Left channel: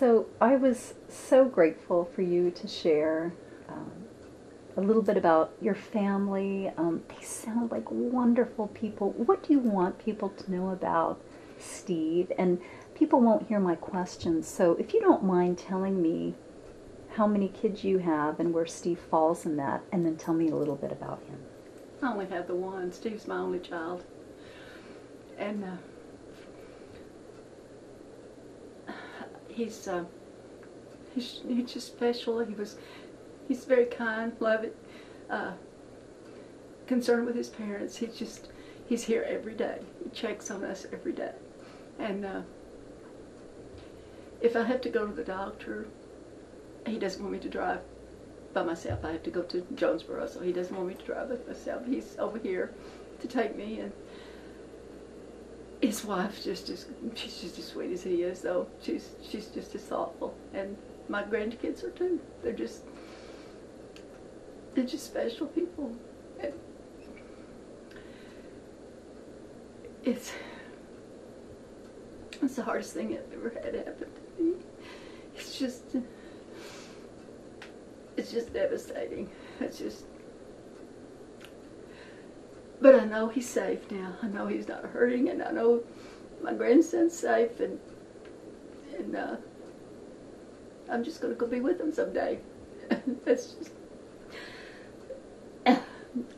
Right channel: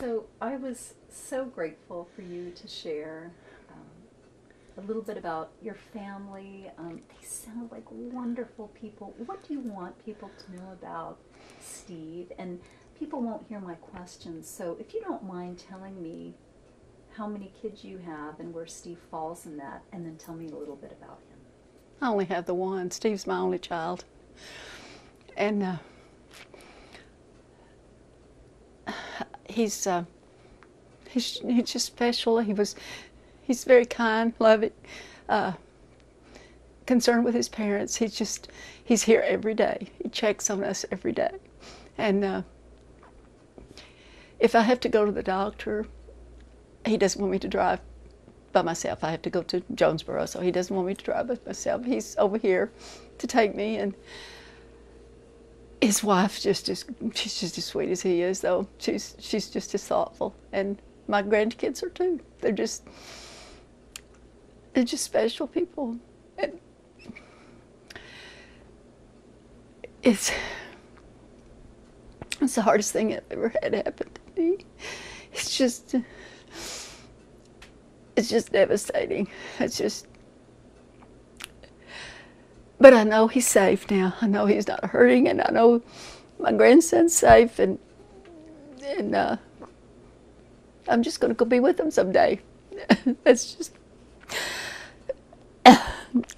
So I was so grateful for you to share a little bit about your family. They sound like wonderful people. What do you want people to know about Steve? And people won't hear my questions, so if you don't mind telling me how many kids you have and where Steve falls in that, and then tell me a little bit about him. I only have the one. Steve's my only child. And he's just special. He's very kind, loving, concerned with his parents. He's here every day. He checks on us every day. And if I have to go to the doctor, he doesn't want me to drive by myself. I have to go to Jonesboro, so he doesn't want me to drive by myself. He's over here to take me, and his wife she's just as sweet as he is, though. She's just as thoughtful, and my grandkids are too. They're just special people. And it's the hardest thing I've ever had happen to me. It's just devastating. But I know he's safe now. I know he's not hurting, and I know my grandson's safe, and I'm just going to go be with him someday. That's just.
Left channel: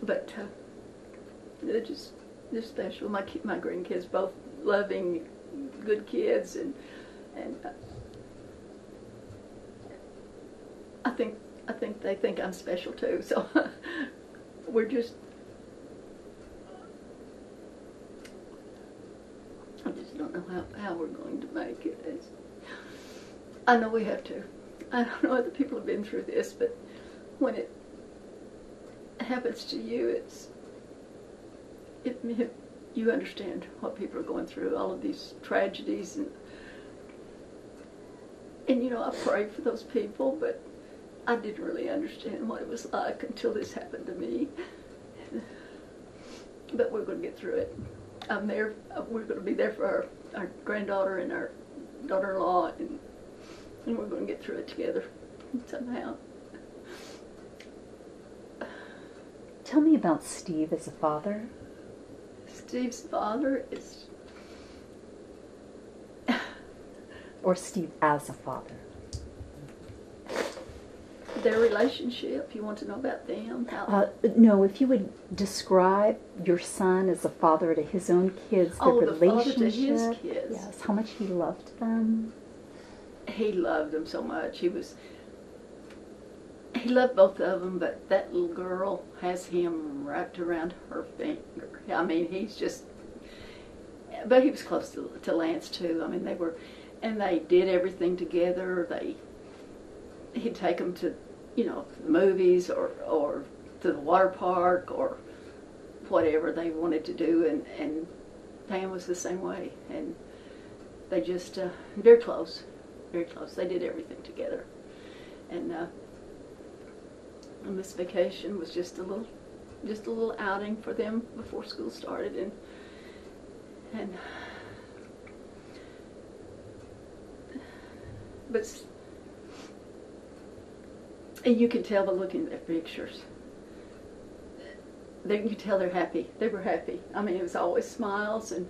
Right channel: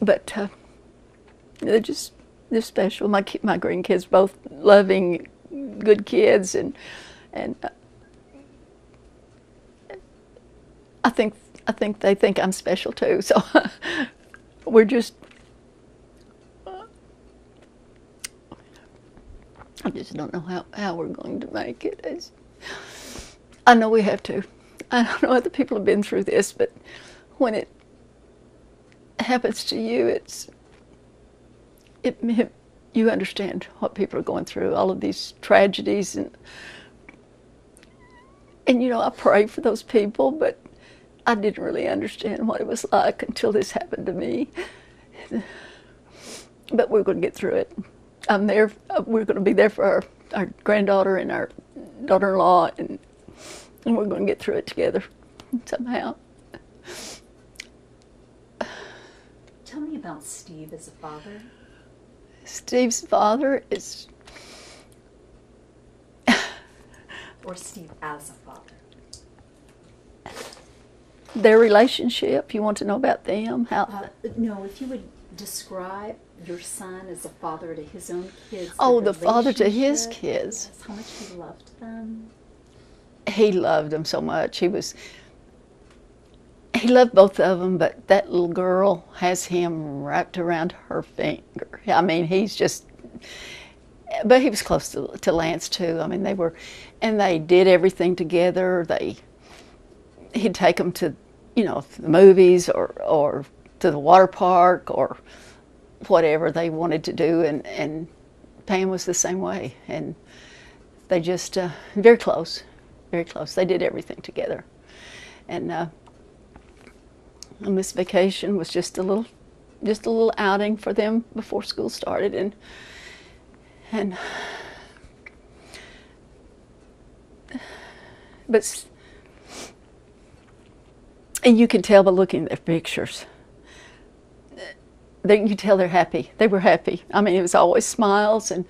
But they're special. My grandkids, both loving, good kids, and I think they think I'm special too. So we're just. I just don't know how we're going to make it. I know we have to. I don't know other people have been through this, but when it happens to you, you understand what people are going through, all of these tragedies, and you know, I pray for those people, but I didn't really understand what it was like until this happened to me. But we're going to get through it. I'm there. We're going to be there for our granddaughter and our daughter-in-law, and we're going to get through it together somehow. Tell me about Steve as a father. Steve's father is... Or Steve as a father. Their relationship, you want to know about them? No, if you would describe your son as a father to his own kids. Oh, the father to his kids. Yes, how much he loved them. He loved them so much. He loved both of them, but that little girl has him wrapped around her finger. I mean, he's just, but he was close to Lance too. I mean, they did everything together. He'd take them to, you know, the movies or to the water park or whatever they wanted to do, and Pam was the same way. And they just, very close, very close. They did everything together. And this vacation was just a little outing for them before school started, and you can tell by looking at their pictures. You can tell they're happy. They were happy. I mean, it was always smiles, and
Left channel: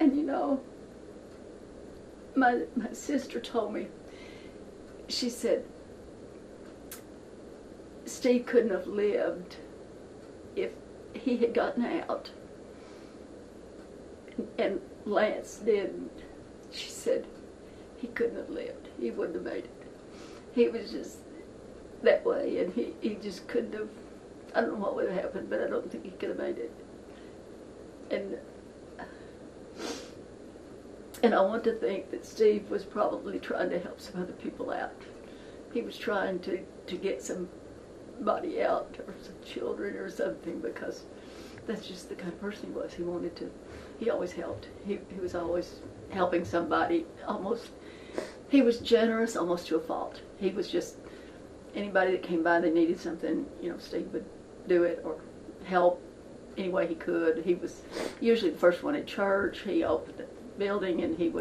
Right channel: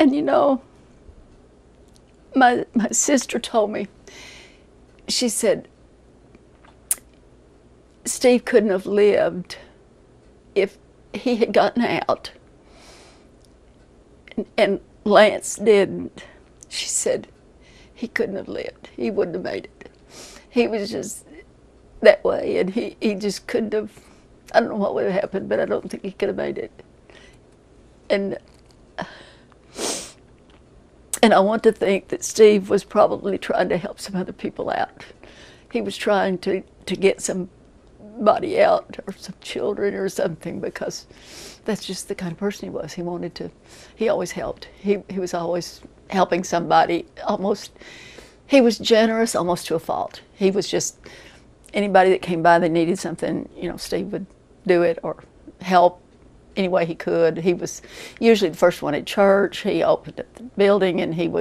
you know, my sister told me, she said, Steve couldn't have lived if he had gotten out, and Lance didn't. She said, he couldn't have lived. He wouldn't have made it. He was just that way, and he just couldn't have. I don't know what would have happened, but I don't think he could have made it. And I want to think that Steve was probably trying to help some other people out. He was trying to get somebody out, or some children or something, because that's just the kind of person he was. He always helped. He was always helping somebody, almost. He was generous almost to a fault. He was just, anybody that came by that needed something, you know, Steve would do it or help any way he could. He was usually the first one at church. He opened up the building, and he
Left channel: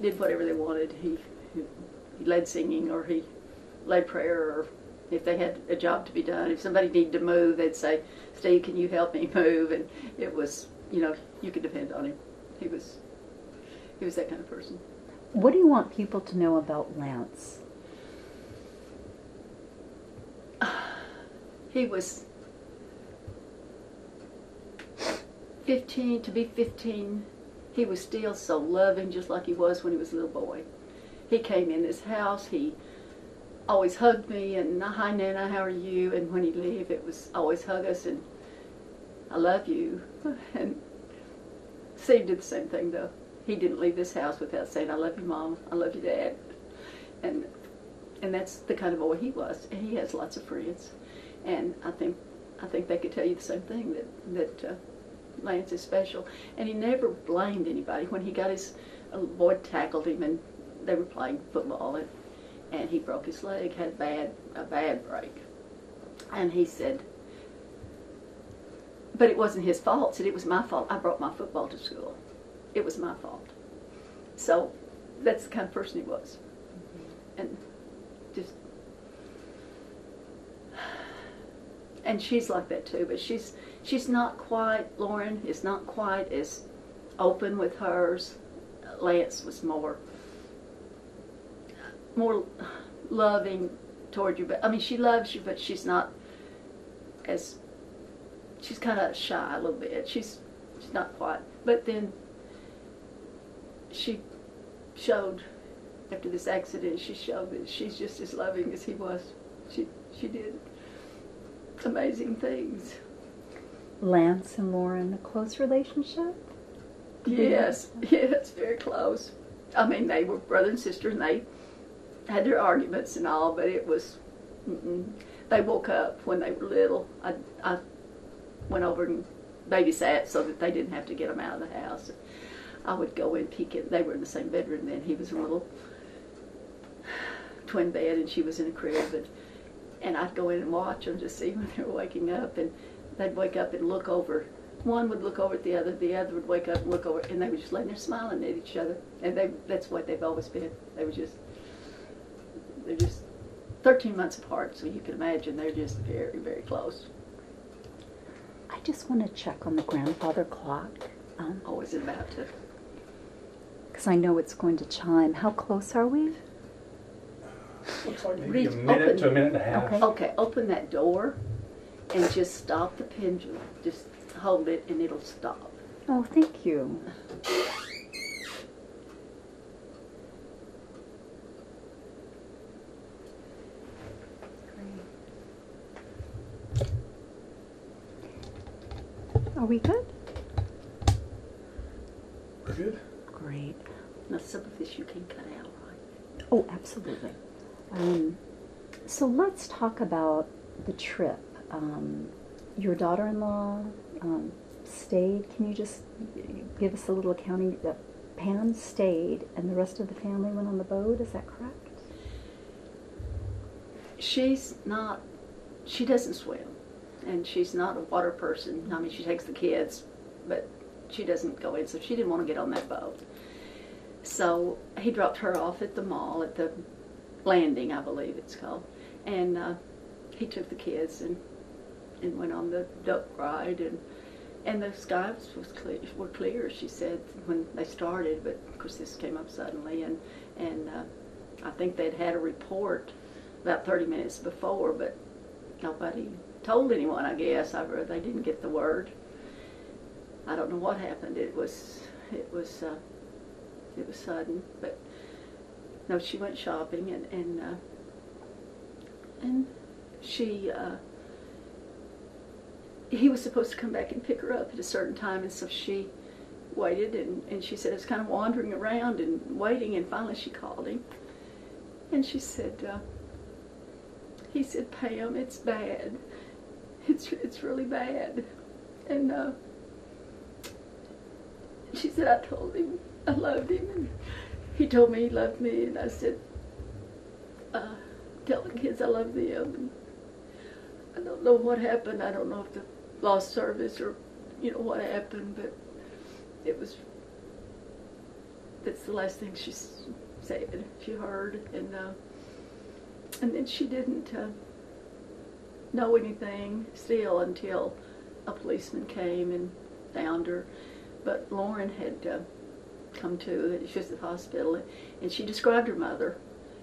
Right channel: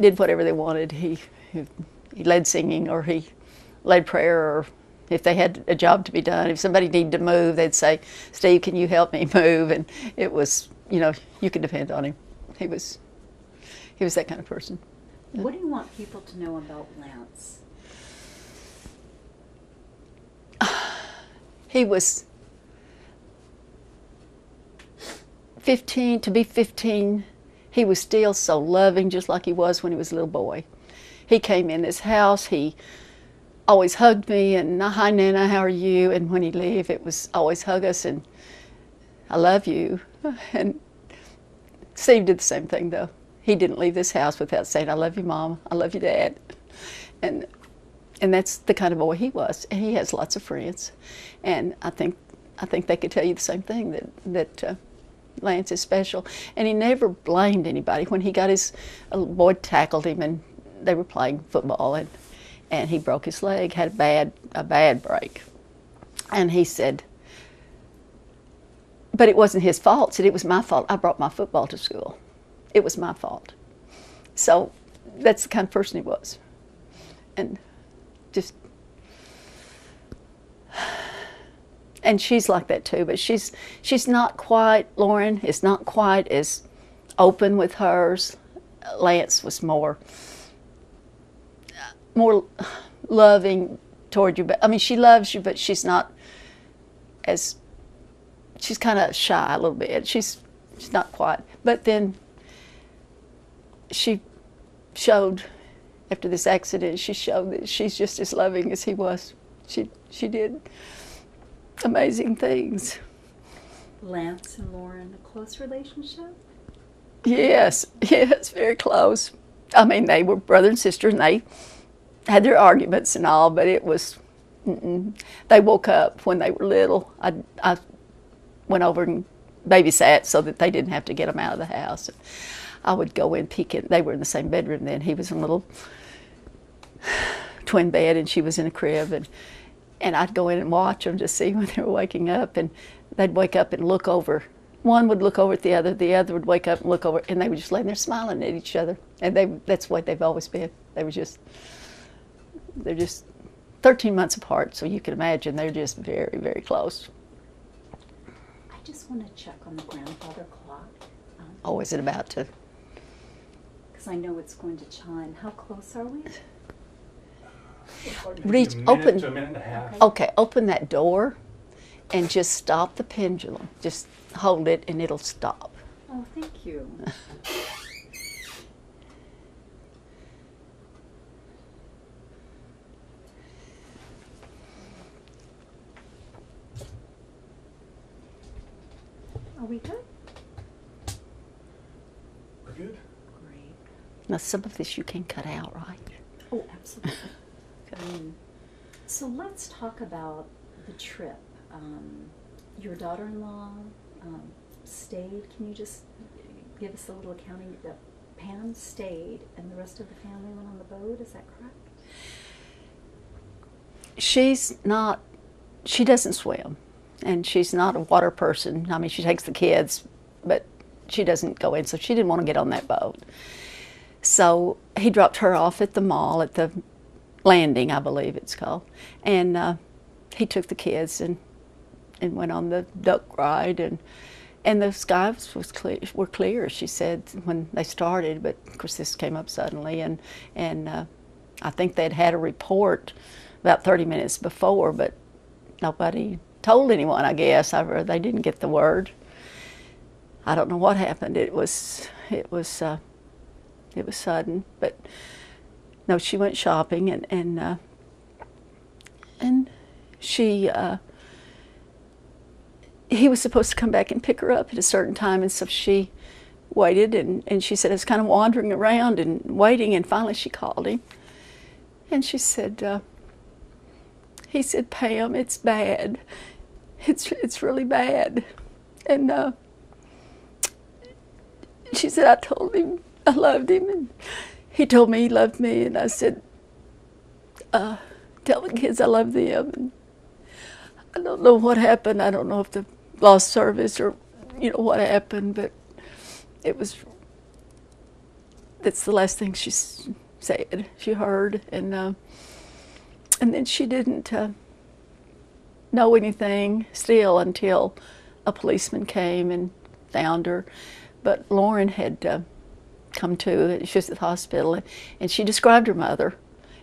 did whatever they wanted. He led singing, or he led prayer, or if they had a job to be done, if somebody needed to move, they'd say, "Steve, can you help me move?" And it was, you could depend on him. He was that kind of person. What do you want people to know about Lance? He was 15, to be 15, he was still so loving, just like he was when he was a little boy. He came in this house, he always hugged me, and "Hi, Nana, how are you?" And when he'd leave, it was always hug us, and "I love you." And Steve did the same thing, though. He didn't leave this house without saying, "I love you, Mom. I love you, Dad." And that's the kind of boy he was. And he has lots of friends. And I think they could tell you the same thing, that Lance is special. And he never blamed anybody. When he got a boy tackled him, and they were playing football, and he broke his leg, had a bad break. And he said, but it wasn't his fault. Said, "It was my fault. I brought my football to school. It was my fault." So that's the kind of person he was. And she's like that too, but she's not quite, Loren is not quite as open with hers. Lance was more loving toward you. But I mean, she loves you, but she's not as, she's kind of shy a little bit. She's not quite. But then she showed, after this accident, she showed that she's just as loving as he was. She did amazing things. Lance and Loren, a close relationship? Yes, very close. I mean, they were brother and sister, and they had their arguments and all, but it was, they woke up when they were little. I went over and babysat so that they didn't have to get them out of the house. I would go in, peek in. They were in the same bedroom then. He was in a little twin bed, and she was in a crib, and I'd go in and watch them to see when they were waking up, and they'd wake up and look over. One would look over at the other would wake up and look over, and they were just laying there smiling at each other. And that's what they've always been. They're just 13 months apart, so you can imagine they're just very, very close. I just want to check on the grandfather clock. Is it about to? Because I know it's going to chime. How close are we? Reach, a minute open to a minute and a half. Okay, open that door and just stop the pendulum. Just hold it and it'll stop. Oh, thank you. Are we good? We're good. Great. Now, some of this you can cut out, right? Oh, absolutely. So let's talk about the trip. Your daughter-in-law stayed. Can you just give us a little accounting? Pam stayed, and the rest of the family went on the boat. Is that correct? She doesn't swim, and she's not a water person. I mean, she takes the kids, but she doesn't go in, so she didn't want to get on that boat. So he dropped her off at the mall, at the landing, I believe it's called, and he took the kids and went on the duck ride, and the skies were clear, she said, when they started, but of course this came up suddenly, and I think they'd had a report about 30 minutes before, but nobody told anyone, I guess. They didn't get the word. I don't know what happened. It was sudden, but no, she went shopping, and she he was supposed to come back and pick her up at a certain time, and so she waited, and she said, I was kind of wandering around and waiting, and finally she called him, and she said, he said, Pam, it's bad. It's really bad. And she said, I told him I loved him, and he told me he loved me, and I said, tell the kids I love them. And I don't know what happened. I don't know if the lost service or, what happened, but it was, that's the last thing she said, she heard. And then she didn't know anything still until a policeman came and found her. But Loren had come to, she was at the hospital, and she described her mother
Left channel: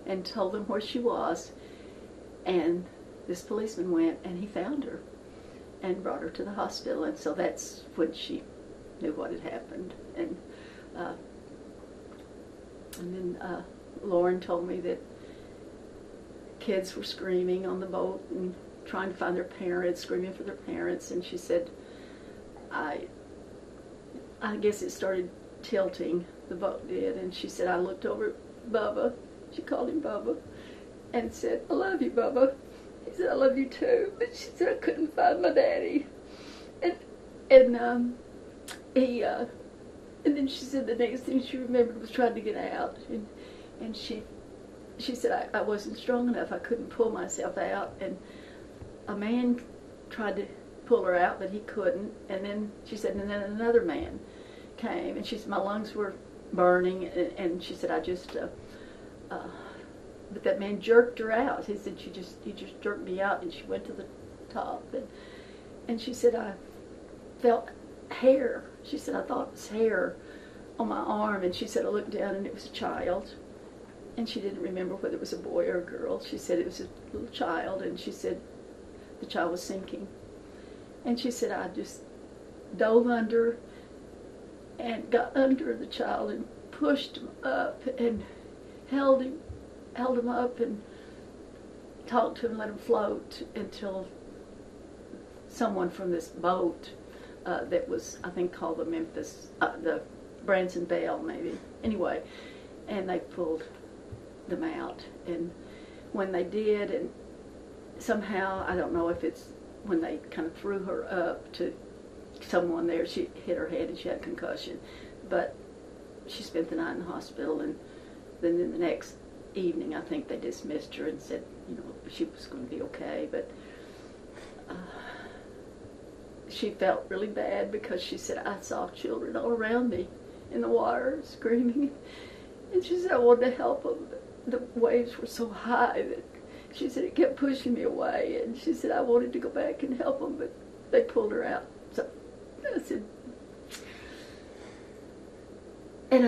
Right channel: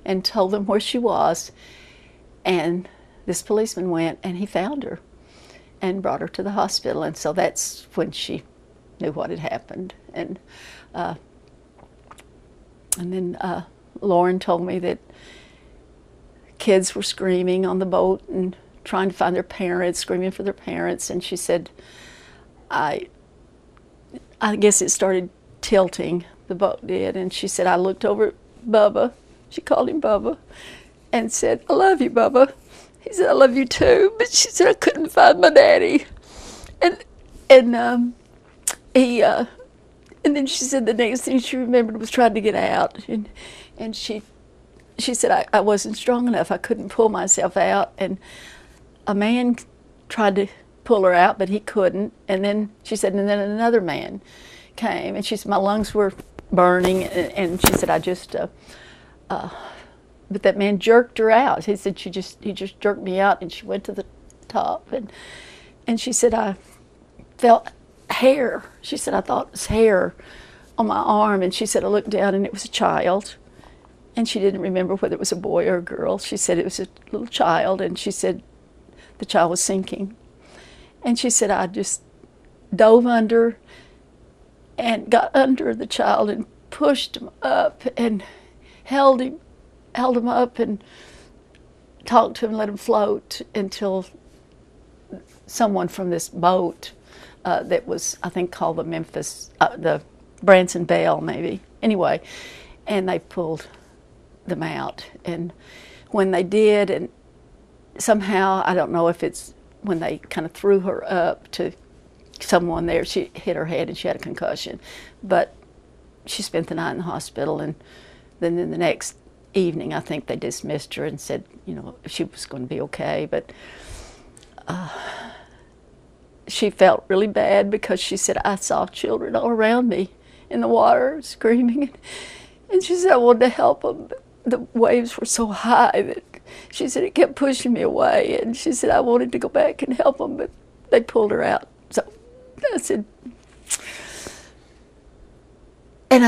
and told them where she was. And this policeman went and he found her and brought her to the hospital. And so that's when she knew what had happened. And then Loren told me that kids were screaming on the boat and trying to find their parents, screaming for their parents. And she said, I guess it started tilting, the boat did. And she said, I looked over at Bubba, she called him Bubba, and said, I love you, Bubba. He said, I love you too. But she said, I couldn't find my daddy. And then she said the next thing she remembered was trying to get out. And she said, I wasn't strong enough. I couldn't pull myself out. And a man tried to pull her out, but he couldn't. And then she said, and then another man came. And she said, my lungs were burning. And she said, but that man jerked her out. He said, he just jerked me out, and she went to the top. And she said, I felt hair. She said, I thought it was hair on my arm. And she said, I looked down, and it was a child. And she didn't remember whether it was a boy or a girl. She said it was a little child, and she said the child was sinking. And she said, I just dove under and got under the child and pushed him up and held him up and talked to him, let him float until someone from this boat that was, I think, called the Branson Bell, maybe. Anyway, and they pulled them out. And when they did, and somehow, I don't know if it's when they kind of threw her up to someone there, she hit her head and she had a concussion. But she spent the night in the hospital, and then in the next evening, I think they dismissed her and said, she was going to be okay. But she felt really bad because she said, I saw children all around me in the water screaming. And she said, I wanted to help them, but the waves were so high that she said it kept pushing me away. And she said, I wanted to go back and help them, but they pulled her out. So I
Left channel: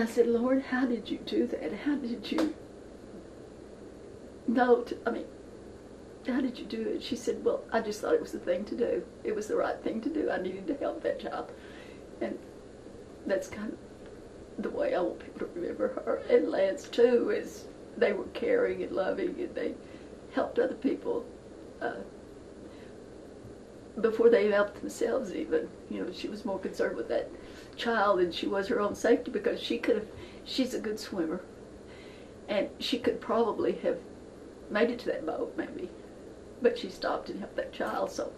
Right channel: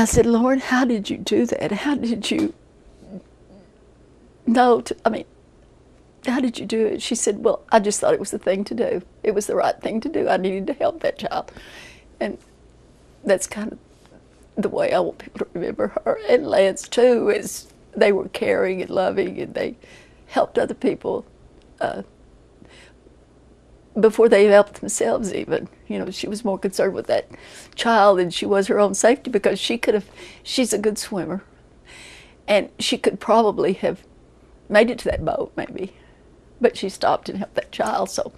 said, Loren, how did you do that? How did you know how did you do it? She said, well, I just thought it was the thing to do. It was the right thing to do. I needed to help that child. And that's kind of the way I want people to remember her. And Lance, too, is they were caring and loving, and they helped other people before they helped themselves even. She was more concerned with that child than she was her own safety, because she's a good swimmer. And she could probably have made it to that boat, maybe. But she stopped and helped that child, so.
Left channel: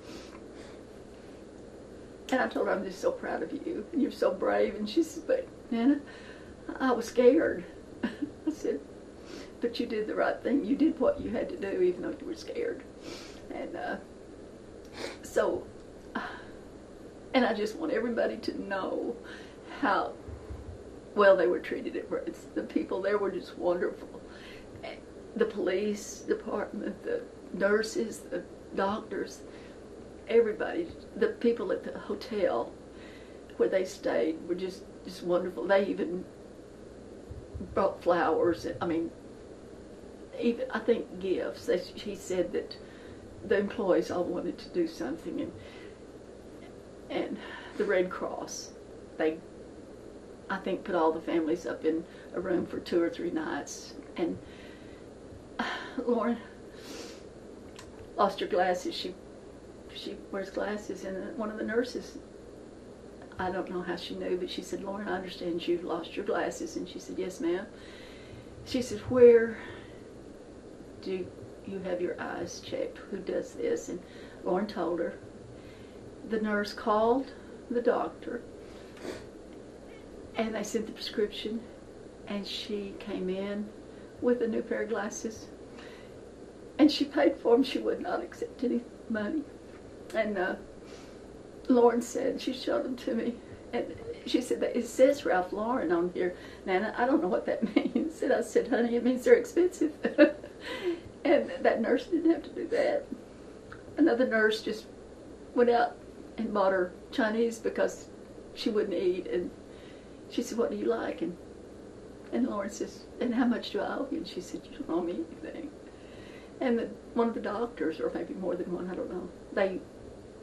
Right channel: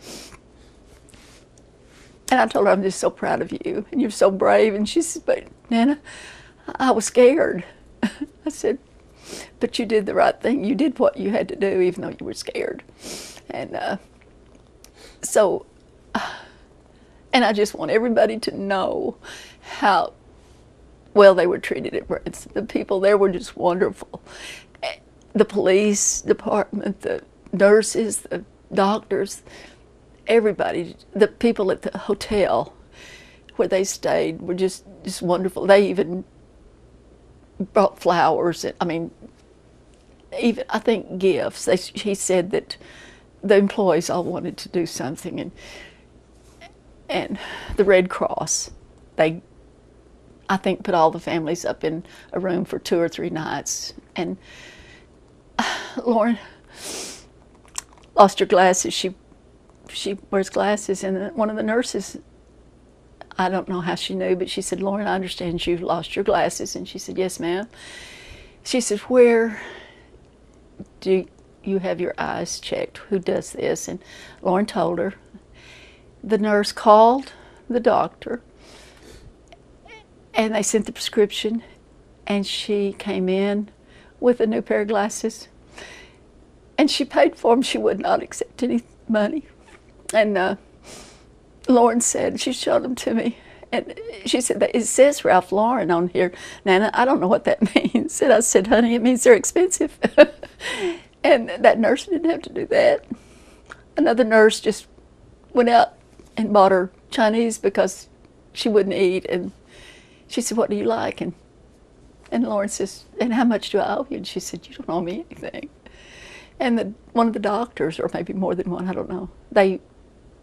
And I told her, I'm just so proud of you, and you're so brave. And she said, but Nana, I was scared. I said, but you did the right thing. You did what you had to do, even though you were scared. And and I just want everybody to know how well they were treated at Branson. The people there were just wonderful. The police department, the nurses, the doctors, everybody, the people at the hotel where they stayed were just wonderful. They even brought flowers. Even, I think, gifts. He said that the employees all wanted to do something, and the Red Cross, they, I think, put all the families up in a room for 2 or 3 nights. And Loren lost her glasses. She wears glasses, and one of the nurses, I don't know how she knew, but she said, Loren, I understand you lost your glasses. And she said, yes, ma'am. She said, where do you have your eyes checked? Who does this? And Loren told her. The nurse called the doctor, and they sent the prescription, and she came in with a new pair of glasses, and she paid for them. She would not accept any money. And Loren said, she showed them to me, and she said, that it says Ralph Lauren on here. Nana, I don't know what that means. And I said, honey, it means they're expensive. And that nurse didn't have to do that. Another nurse just went out and bought her Chinese because she wouldn't eat. And she said, what do you like? And Lauren says, and how much do I owe you? And she said, you don't owe me anything. And one of the doctors, or maybe more than one, I don't know, they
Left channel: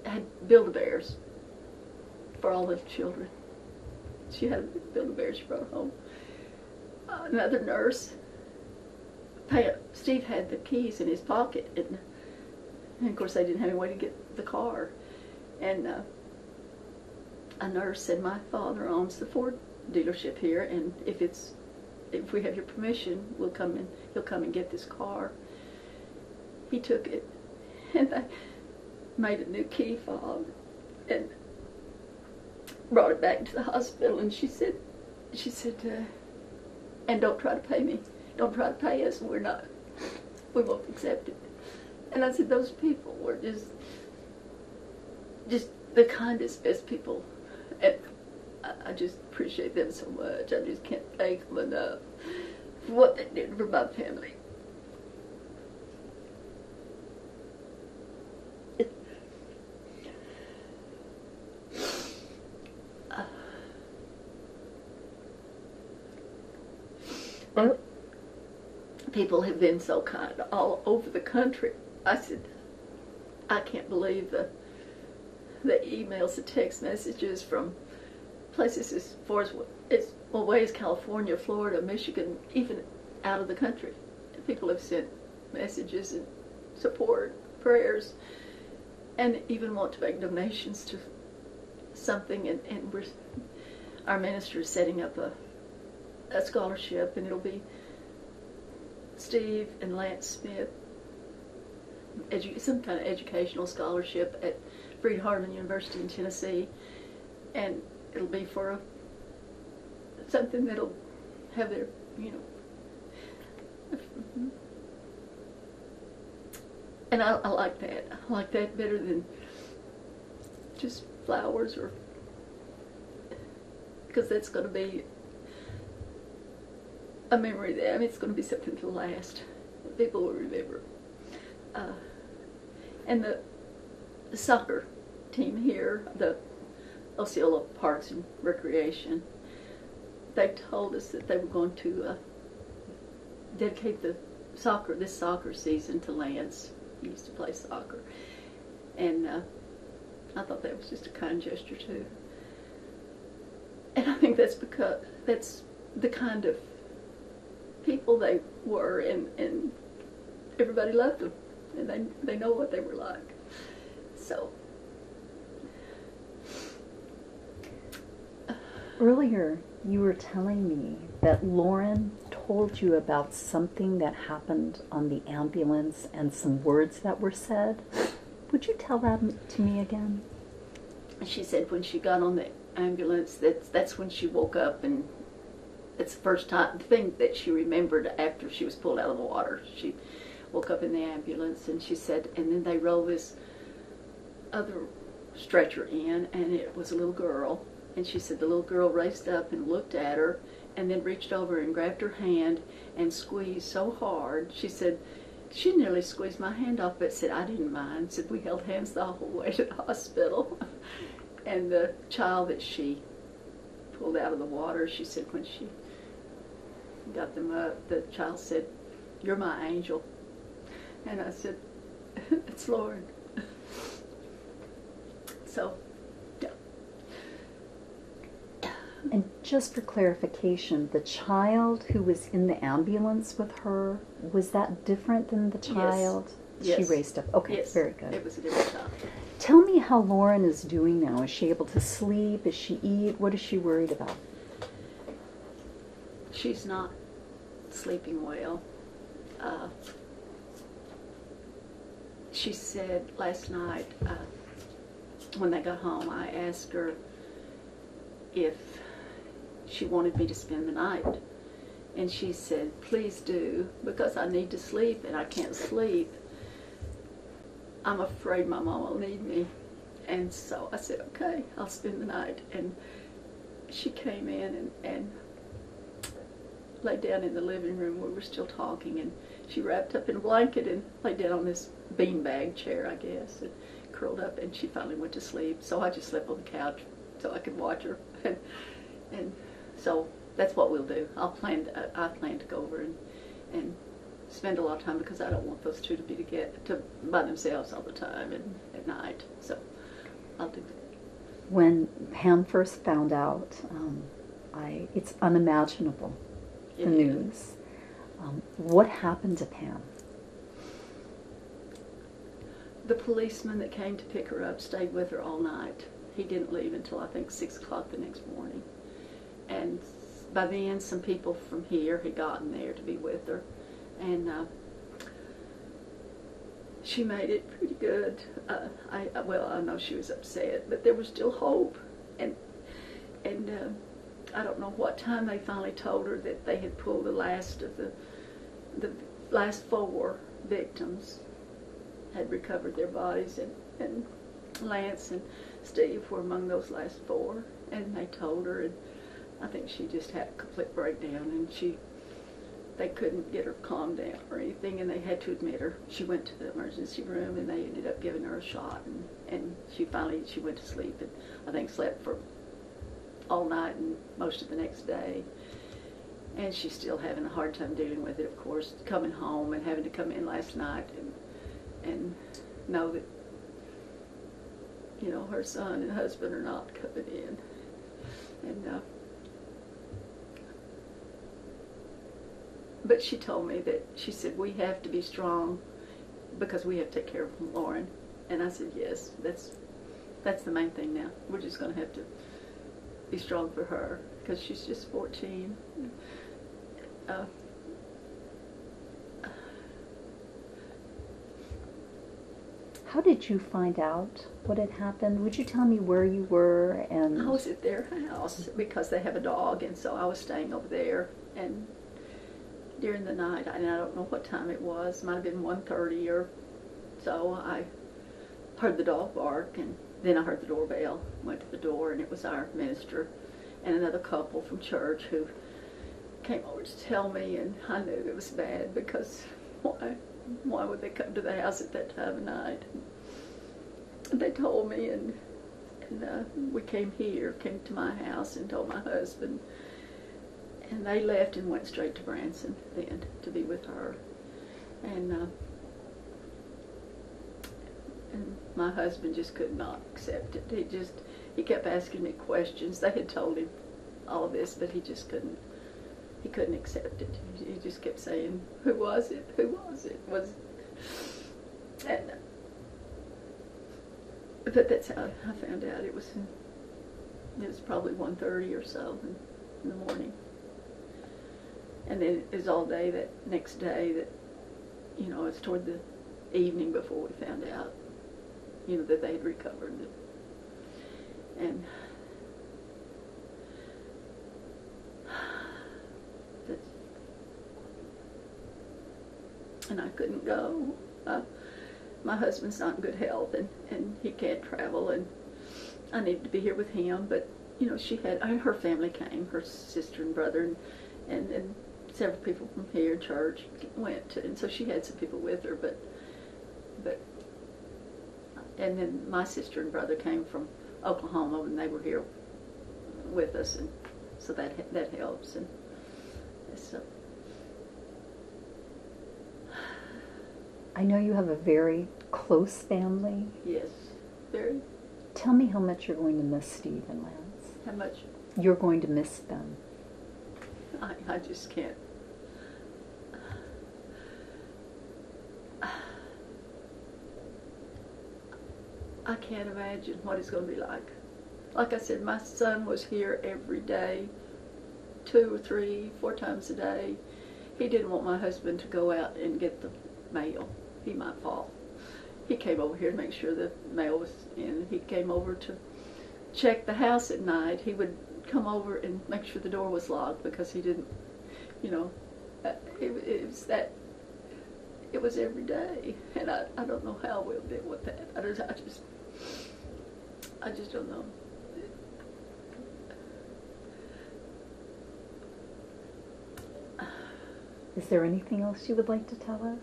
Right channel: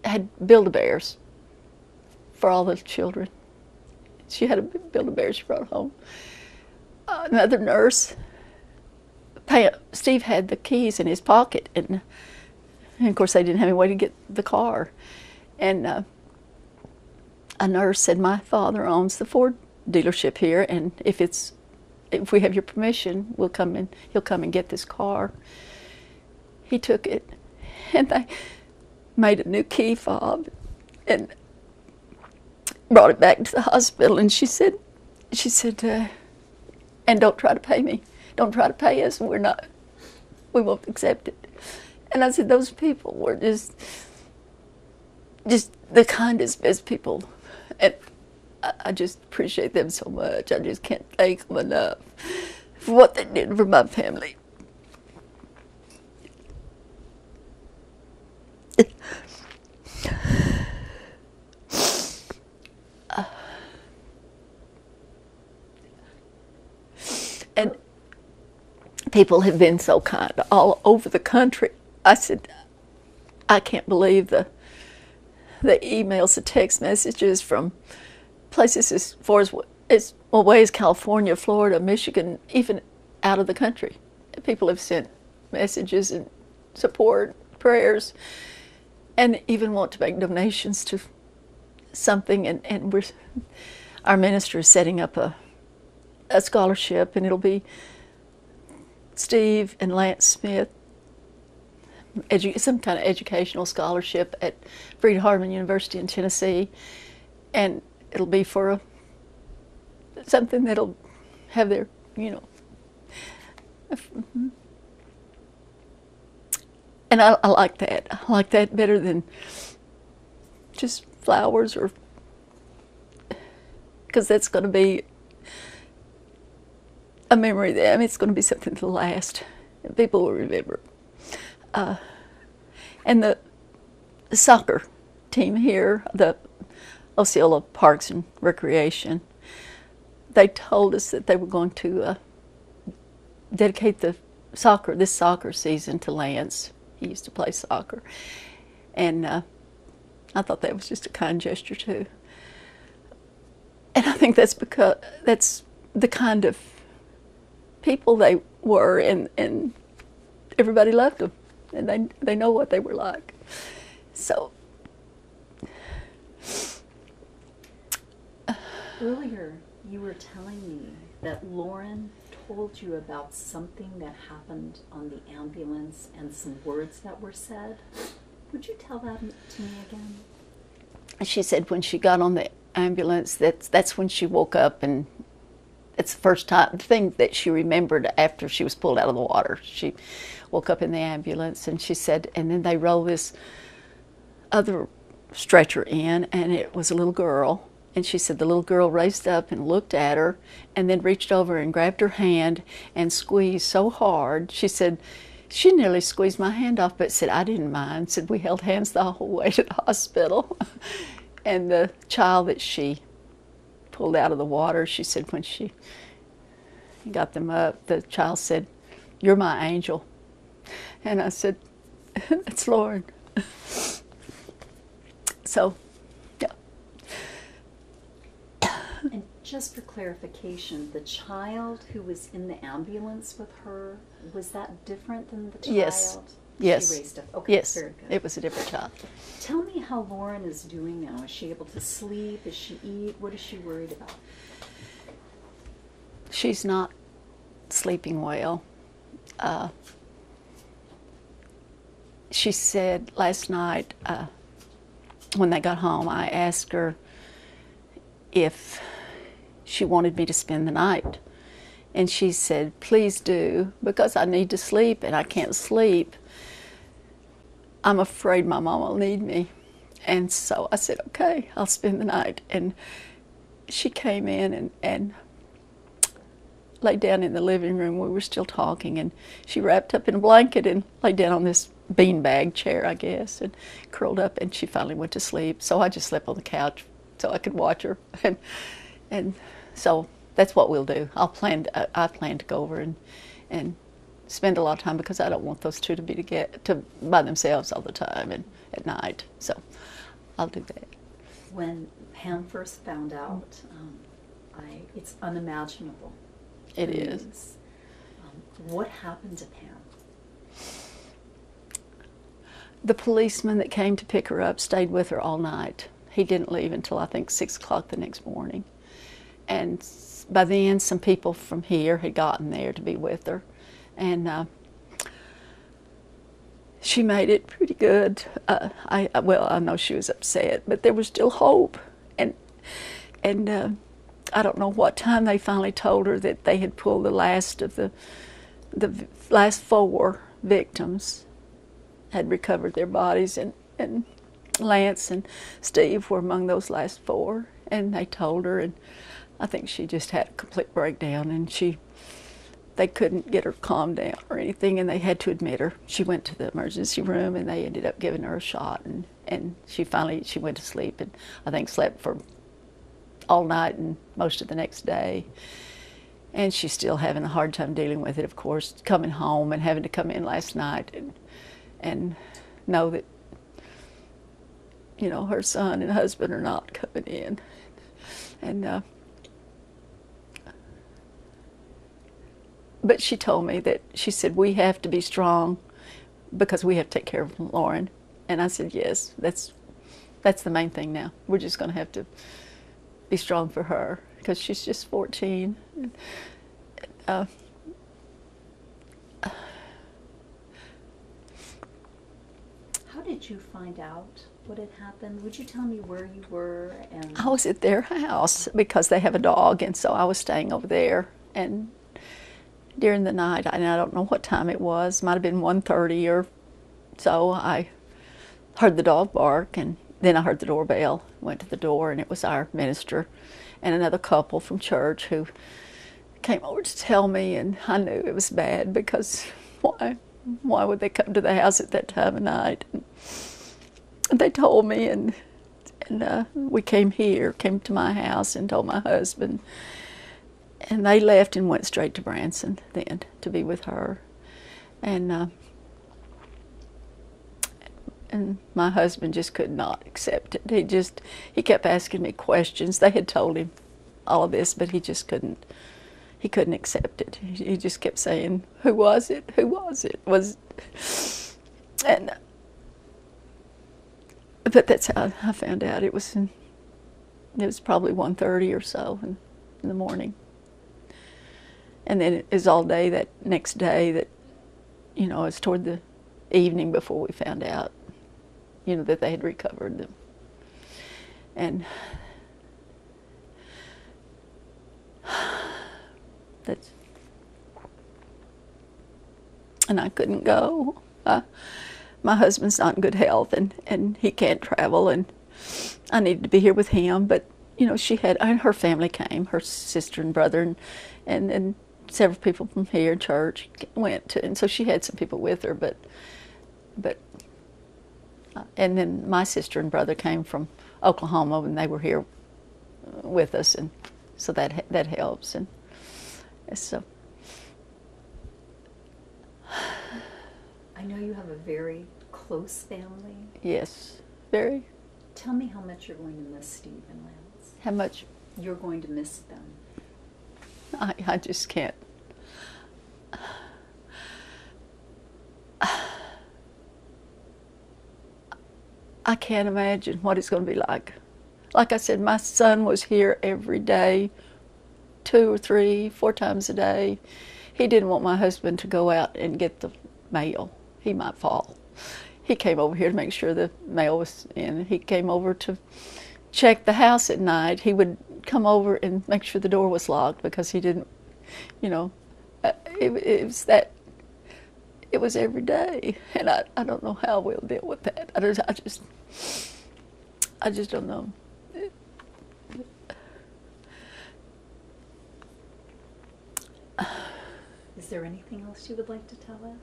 had Build-A-Bears for all the children. She had a Build-A-Bear she brought home. Another nurse, Steve had the keys in his pocket, and of course they didn't have any way to get the car. And a nurse said, my father owns the Ford dealership here, and if we have your permission, he'll come and get this car. He took it, and they made a new key fob and brought it back to the hospital. And she said, and don't try to pay me. Don't try to pay us. We won't accept it. And I said, those people were just the kindest, best people. And I just appreciate them so much. I just can't thank them enough for what they did for my family. And people have been so kind all over the country. I said, I can't believe the emails, the text messages from places as far as away as California, Florida, Michigan, even out of the country. People have sent messages and support, prayers, and even want to make donations to something. And our minister is setting up a scholarship, and it'll be Steve and Lance Smith, some kind of educational scholarship at Freed-Hardeman University in Tennessee, and it'll be for something that'll have their, and I like that. I like that better than just flowers, or because that's going to be a memory there. I mean, it's going to be something to last. People will remember. And the soccer team here, the Osceola Parks and Recreation, they told us that they were going to dedicate this soccer season to Lance. He used to play soccer. And I thought that was just a kind gesture too. And I think that's because that's the kind of people they were, and everybody loved them, and they know what they were like. So earlier you were telling me that Loren told you about something that happened on the ambulance and some words that were said. Would you tell that to me again? She said when she got on the ambulance, that's when she woke up, and it's the first thing that she remembered after she was pulled out of the water. She woke up in the ambulance, and she said, and then they rolled this other stretcher in, and it was a little girl. And she said the little girl raised up and looked at her, and then reached over and grabbed her hand and squeezed so hard. She said, she nearly squeezed my hand off, but said, I didn't mind. Said, we held hands the whole way to the hospital. And the child that she pulled out of the water, she said when she got them up, the child said, you're my angel. And I said, it's Loren. So, yeah. And just for clarification, the child who was in the ambulance with her, was that different than the child Yes. she raised up? Okay, Yes. very good. It was a different child. Tell me how Loren is doing now. Is she able to sleep? Does she eat? What is she worried about? She's not sleeping well. She said last night when they got home, I asked her if she wanted me to spend the night. And she said, please do, because I need to sleep and I can't sleep. I'm afraid my mom will need me. And so I said, okay, I'll spend the night. And she came in and laid down in the living room. We were still talking, and she wrapped up in a blanket and laid down on this beanbag chair, I guess, and curled up, and she finally went to sleep. So I just slept on the couch so I could watch her. And so that's what we'll do. I plan to go over and spend a lot of time, because I don't want those two to be by themselves all the time and at night. So I'll do that. When Pam first found out, it's unimaginable. It is. What happened to Pam? The policeman that came to pick her up stayed with her all night. He didn't leave until I think 6 o'clock the next morning. And by then, some people from here had gotten there to be with her. And she made it pretty good. I know she was upset, but there was still hope. And I don't know what time they finally told her that they had pulled the last of the last 4 victims had recovered their bodies, and Lance and Steve were among those last 4. And they told her, and I think she just had a complete breakdown, and they couldn't get her calmed down or anything, and they had to admit her. She went to the emergency room, and they ended up giving her a shot, and she went to sleep, and I think slept for all night and most of the next day. And she's still having a hard time dealing with it, of course, coming home and having to come in last night and know that, her son and husband are not coming in. And but she told me that, she said, we have to be strong because we have to take care of Loren. And I said, yes, that's the main thing now. We're just going to have to be strong for her, because she's just 14. How did you find out what had happened? Would you tell me where you were? And I was at their house because they have a dog, and so I was staying over there. And during the night, and I don't know what time it was, might have been 1:30 or so, I heard the dog bark, and then I heard the doorbell. Went to the door, and it was our minister and another couple from church who came over to tell me, and I knew it was bad, because why would they come to the house at that time of night? And they told me, and we came to my house and told my husband, and they left and went straight to Branson then to be with her. And my husband just could not accept it. He kept asking me questions. They had told him all of this, but he just couldn't accept it. He just kept saying, who was it? Who was it? But that's how I found out. It was probably 1:30 or so in the morning. And then it was all day that next day that, it was toward the evening before we found out, that they had recovered them. And I couldn't go. My husband's not in good health, and he can't travel, and I needed to be here with him. But her family came, her sister and brother, and several people from here, church, went to, and so she had some people with her. But and then my sister and brother came from Oklahoma, and they were here with us, and so that helps. And so I know you have a very close family. Yes, very. Tell me how much you're going to miss Steve and Lance. How much? You're going to miss them. I just can't. I can't imagine what it's going to be like. Like I said, my son was here every day, 2 or 3, 4 times a day. He didn't want my husband to go out and get the mail. He might fall. He came over here to make sure the mail was in. He came over to check the house at night. He would come over and make sure the door was locked, because he didn't, it was every day. And I don't know how we'll deal with that. I just don't know. Is there anything else you would like to tell us?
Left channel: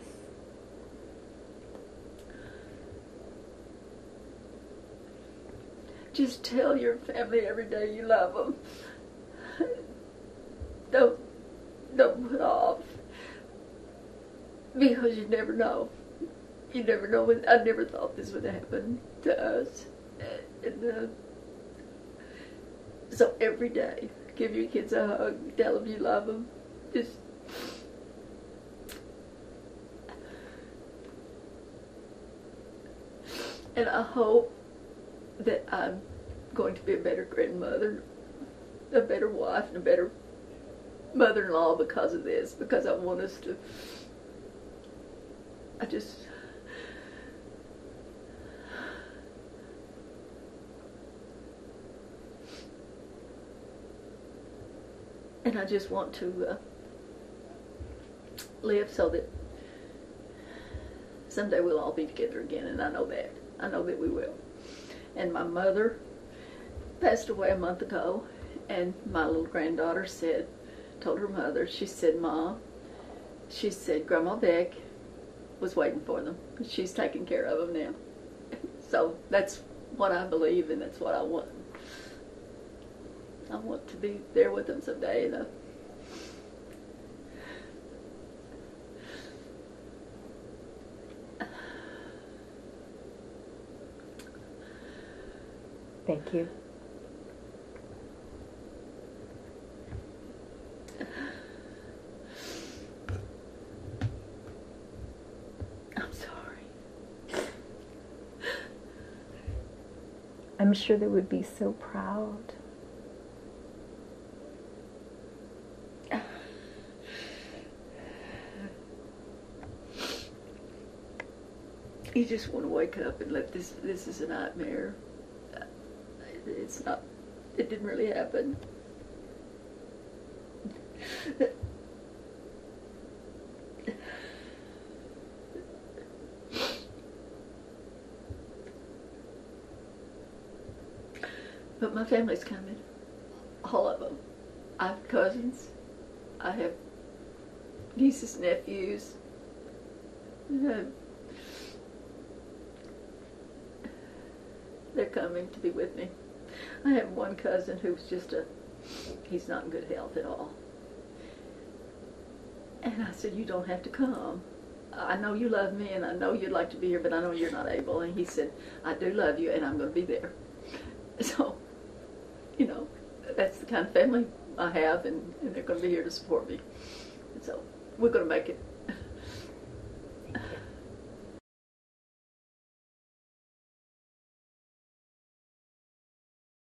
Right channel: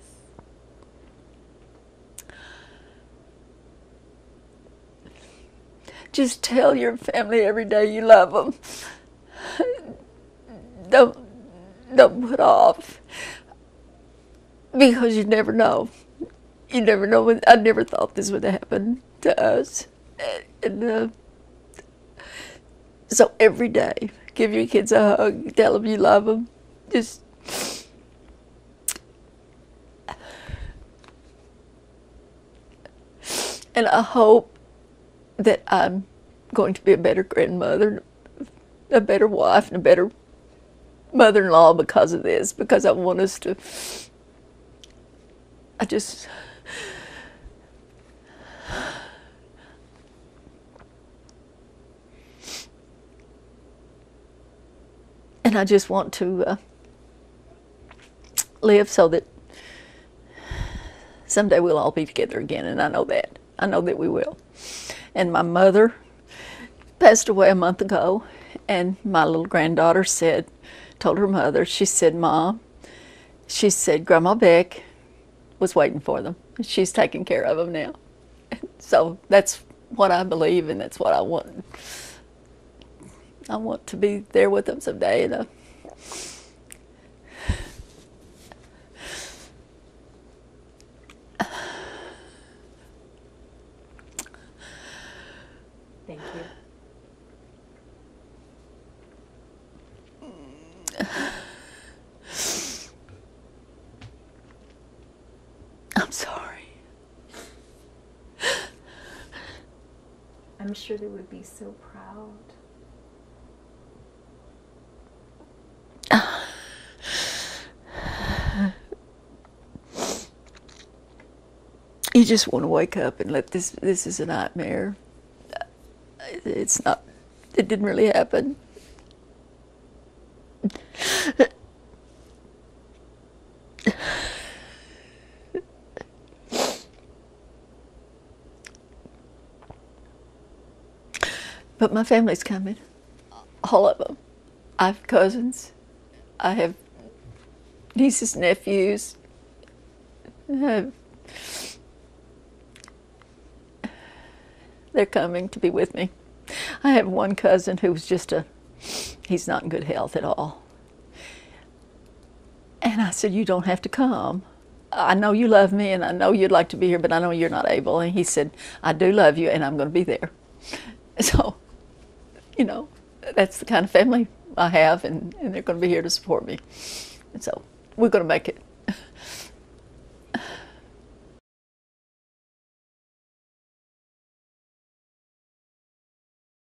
Just tell your family every day you love them. Don't put off, because you never know. You never know. I never thought this would happen to us. And so every day, give your kids a hug. Tell them you love them. Just. And I hope that I'm going to be a better grandmother, a better wife, and a better mother-in-law because of this, because I want us to, and I just want to live so that someday we'll all be together again, and I know that. I know that we will. And my mother passed away a month ago, and my little granddaughter told her mother, she said, Mom, she said, Grandma Beck was waiting for them. She's taking care of them now. So that's what I believe, and that's what I want. I want to be there with them someday. Thank you. I'm sorry. I'm sure they would be so proud. You just want to wake up and let this is a nightmare. It's not, it didn't really happen. But my family's coming, all of them. I have cousins, I have nieces, nephews, they're coming to be with me. I have one cousin who's he's not in good health at all. And I said, you don't have to come. I know you love me and I know you'd like to be here, but I know you're not able. And he said, I do love you and I'm going to be there. So, you know, that's the kind of family I have, and they're going to be here to support me. And so we're going to make it.